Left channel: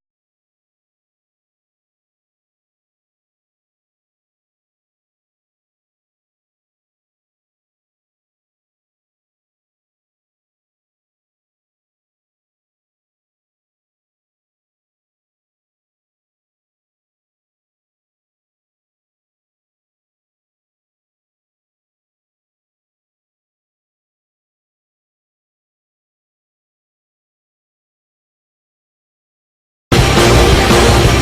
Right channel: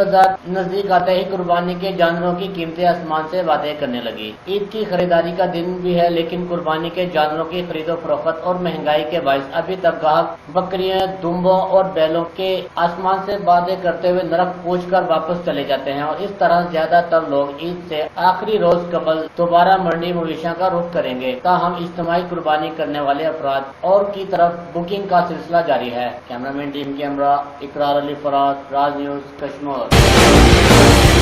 बाजार नजदीक आते ही कुर्बानी के जानवरों की कीमतें आसमान से बातें करने लगी। ईद की खरीदारी का दिन भी है, लेकिन कुर्बानी के जानवरों की खरीदो फरोख्त और महंगाई के बायस अभी तक ग्राहक बकरियों, दुम्बों और बैलों के आसमान से बातें करते हुए नरक पूछकर वापस चले जाते हैं और इस तरह ज्यादातर लोग ईद से आखिरी रोज कबल दोबारा मंडी मवेशियों का रुख करेंगे। ताहम इज्तिमाई कुर्बानी करने वाले अफराद और की तरफ बुकिंग का सिलसिला जारी है। कैमरामैन टीम कैमरा इकरार अली फराज, राज न्यूज कश्मीर।